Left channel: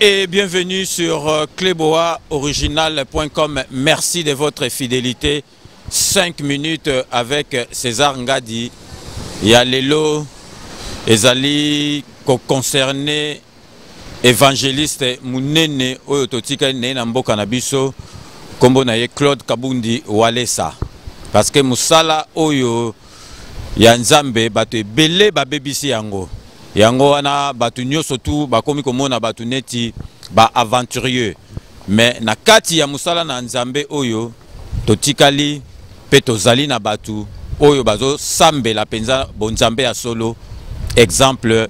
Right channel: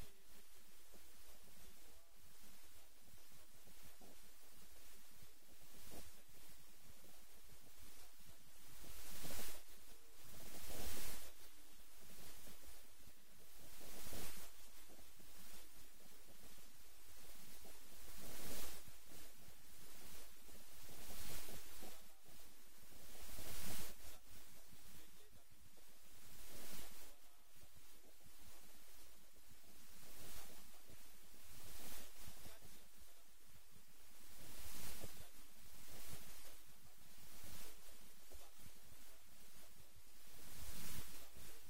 Et bienvenue sur cleboaoriginal.com. Merci de votre fidélité. 5 minutes avec César Ngadi. Il y a Lelo, Ezali, concerné évangéliste Mounene, Oyototika Nenambo Kanabiso, Kombo Naye Claude Kabundi Walesa. Parce que Moussala Oyo, Yanzambe, Bate Bele Babebisi Yango. Yango wana batu nyoso tu bakomi komona batu neti ba aventurieux mais na kati ya musala na nzambe oyo totikali pe tozali na batu oyo bazo sambela penza bonzambe ya solo. Exemple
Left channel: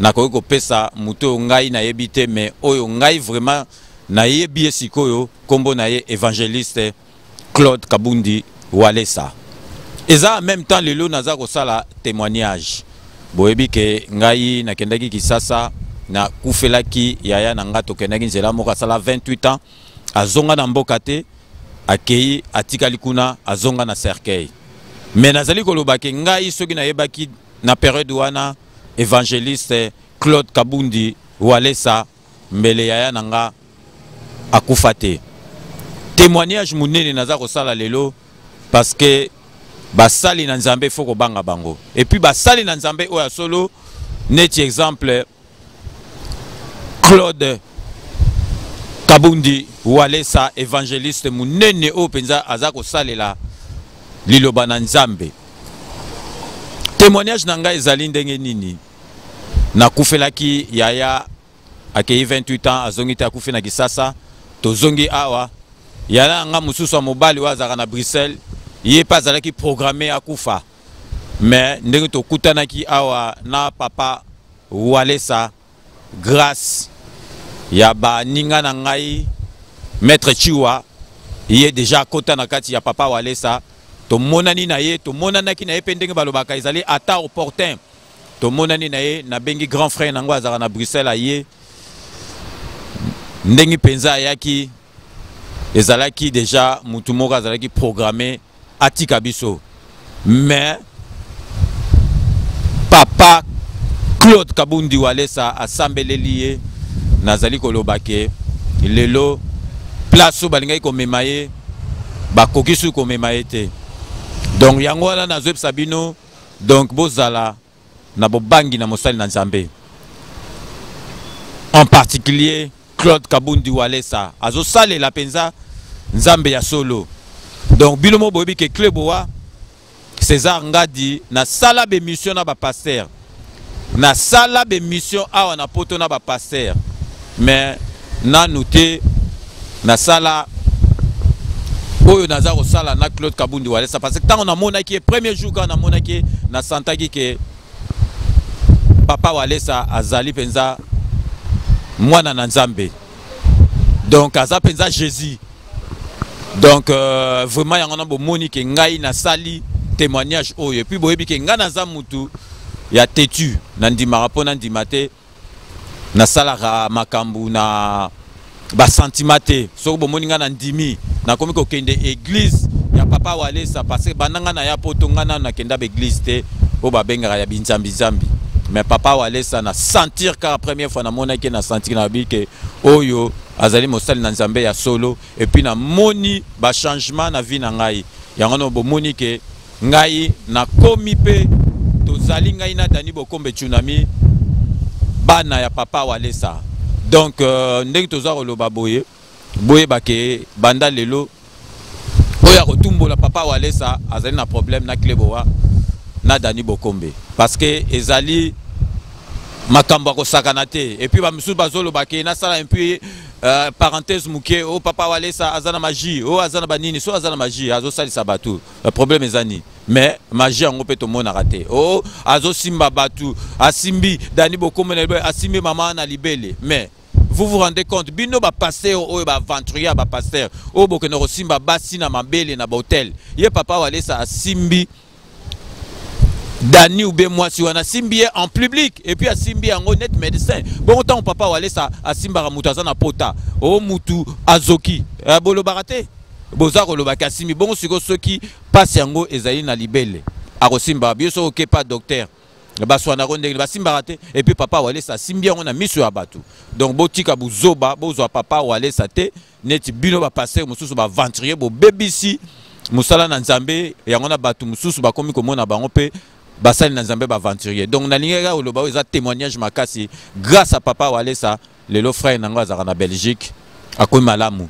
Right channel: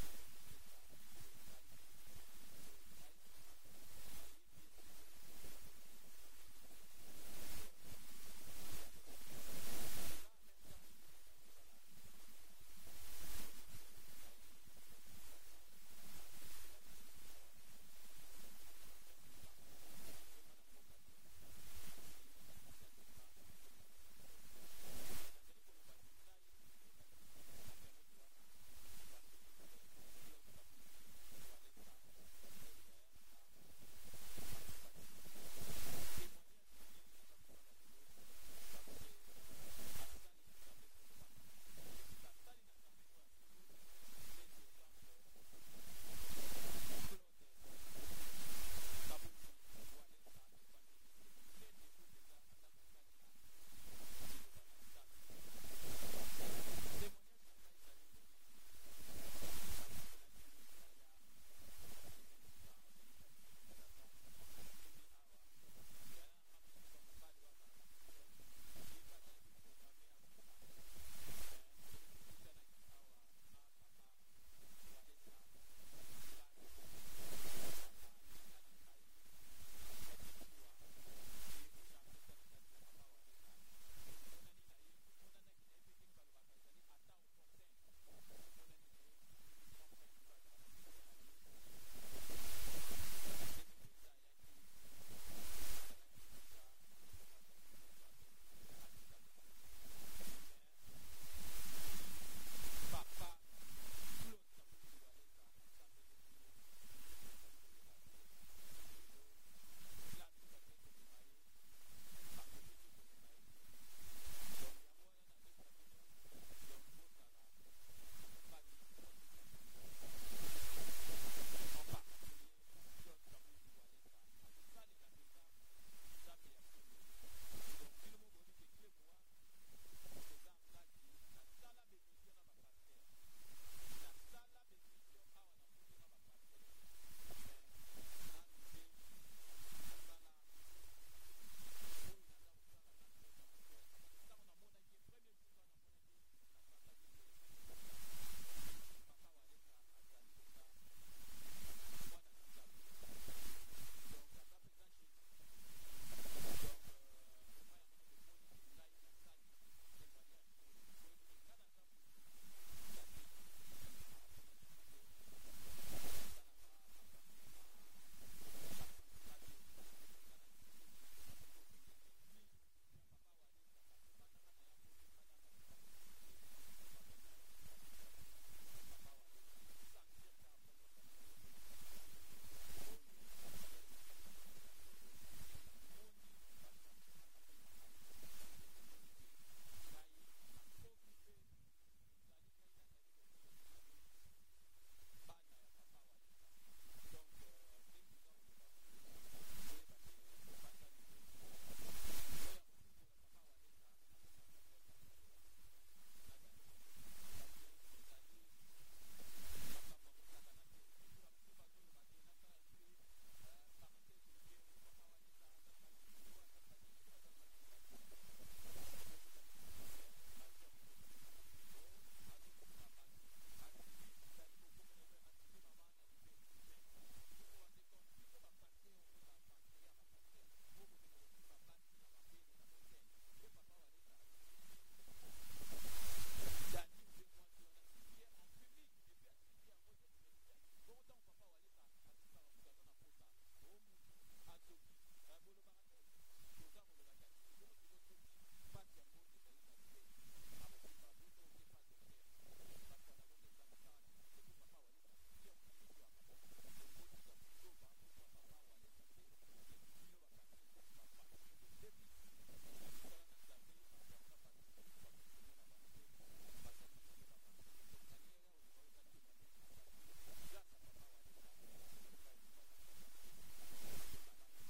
na ko pesa muto ngai na yebite mais oyo ngai vraiment na yebi esikoyo kombo na ye évangéliste Claude Kabundi Walesa. Eza en même temps lelo naza ko sala témoignage. Boyebi ke ngai nakendaki Kisasa na kufelaki yaya na nga tokendaki nzela moko asala 28 ans azonga na mboka te akei atikali kuna azonga na cercueil. Mais nazali koloba ke ngai soki nayebaki na période wana évangéliste Claude Kabundi Walesa mbele yaya na nga akufa te. Témoignage munene naza kosala lelo parce que basali na nzambe foko banga bango. Et puis basali na nzambe oya solo neti exemple Claude Kabundi Walesa évangéliste munene o penza azako salela liloba na nzambe. Témoignage nanga ezali ndenge nini na kufelaki yaya akei 28 ans azongi te akufi na Kisasa tozongi awa yaya nga mususu mobali wazaka na Bruxelles. Il n'est pas allé programmer à Koufa. Mais nous avons awa na papa Walesa grâce ya ba ninga na ngai maître Chiwa il est déjà kota na kati ya papa Walesa to monani na ye to monana ki na ye pendenge balobaka ezali ata opportun to monani na ye na bengi grand frère nango azaka na Bruxelles aye ndengi penza yaki ezalaki déjà mutu moko azalaki programmé Atika biso. Mais papa Claude Kabundi Walesa assemblé lié nazali kolobake lelo place balingai ko memaye bakokisu ko memaye te. Donc yango wana nazweb sabino donc bozala na bobangi na mosali na nzambe. En particulier Claude Kabundi Walesa azo sale la penza nzambe ya solo. Donc bilomo boyebi ke Cleboa César Ngadi na sala be mission na ba pasteur na sala be mission awa na poto na ba pasteur mais na noté na sala oyo naza ko sala na Claude Kabundi Walesa parce que tant on a monaki premier jour quand on a monaki na santaki ke papa Walesa azali penza mwana na nzambe donc aza penza Jésus. Donc vraiment il y a un moni que ngai na sali témoignage oyo et puis boyebi ke ngana za mutu ya tetu nandi marapo nandi mate na sala makambu na ba sentimate so bo moni ngana ndimi na komi ko kende église ya papa Walesa parce que bananga na ya poto ngana na kenda be église te o ba benga ya binzambi zambi mais papa Walesa na sentir car première fois na mona ke na sentir na bi ke oyo azali mosali na nzambe ya solo et puis na moni ba changement na vie na ngai yango no bo moni ke ngai na komi pe tozali ngai na dani bokombe tsunami bana ya papa Walesa. Donc ndenge toza koloba boye ba ke banda lelo oya kotumbola papa Walesa azali na problème na Cleboa na dani bokombe parce que ezali makambo ko sakanate et puis ba musu bazolo ba ke na sala un peu parenthèse muke o papa Walesa azana magie o azana banini so azana magie azo sali sabatu le problème ezani mais magie en opeto mona raté o azo simba batu asimbi dani bokombe na asimbi mama na libele. Mais vous vous rendez compte bino ba pasteur o ba aventurier ba pasteur o bokeno simba basi na mabele na hotel ye papa Walesa asimbi Dani ou bien moi si on a simbi en public et puis a simbi en honnête médecin. Bon temps papa Walesa a simba ramutaza na pota. O mutu azoki. Bolo barate. Boza ko lobaka simbi. Bon siko ceux qui passent yango ezali na libele. A simba bien so ok pas docteur. baswana ronde basimbaka te et puis papa Walesa simbia on a miso ya batu donc botika buzoba bozwa papa Walesa te neti bino ba passer mususu ba aventurier bo bebisi musala na nzambe yango na batu mususu bakomi komona bango pe basali na nzambe ba aventurier donc na lingaka oloba eza témoignage makasi grâce à papa Walesa lelo frère nango azaka na Belgique akomi malamu.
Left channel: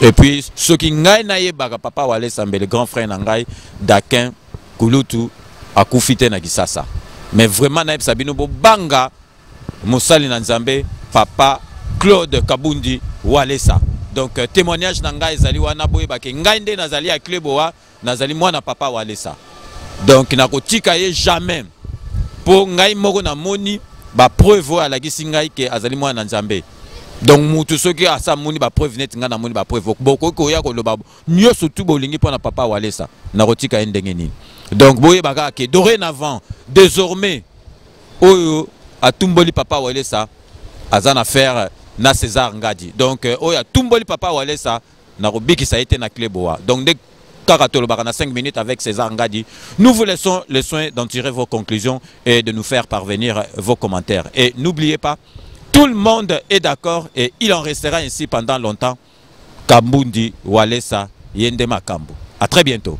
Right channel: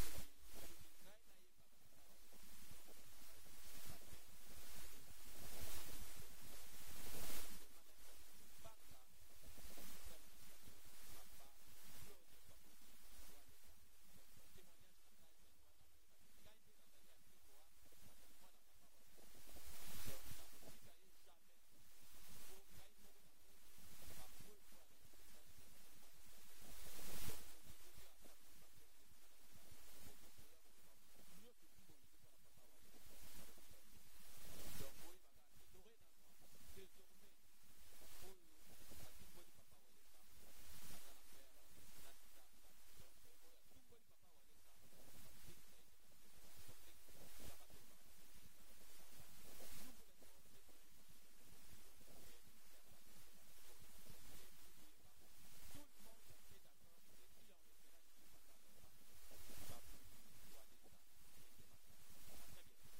Et puis ce qui ngai na yebaka papa Walesa mbele grand frère nangai Dakin Kulutu akufite na Kisasa. Mais vraiment, naïb sabino bo banga Moussali Nanzambe, papa Claude Kabundi Walesa. Donc témoignage nanga ezali wana boye bake ngainde nazali a kleboa nazali mwana papa Walesa. Donc nakotika ye jamais pour ngai moko na moni ba preuve à la gisingai ke azali mwana Nzambe. Donc mutu soki asa moni ba preuve net nga na moni ba preuve boko ko ya ko loba nyoso tu bolingi pona papa Walesa nakotika endenge nini. Donc boye baka ke dorénavant désormais oyo atumboli papa Walesa azana faire na César Ngadi. Donc oyo atumboli papa Walesa na robiki ça a été na kleboa. Donc dès Karatolo Barana 5 minutes avec César Ngadi, nous vous laissons le soin d'en tirer vos conclusions et de nous faire parvenir vos commentaires. Et n'oubliez pas, tout le monde est d'accord et il en restera ainsi pendant longtemps. Kabundi Walesa Yende Makambu. À très bientôt.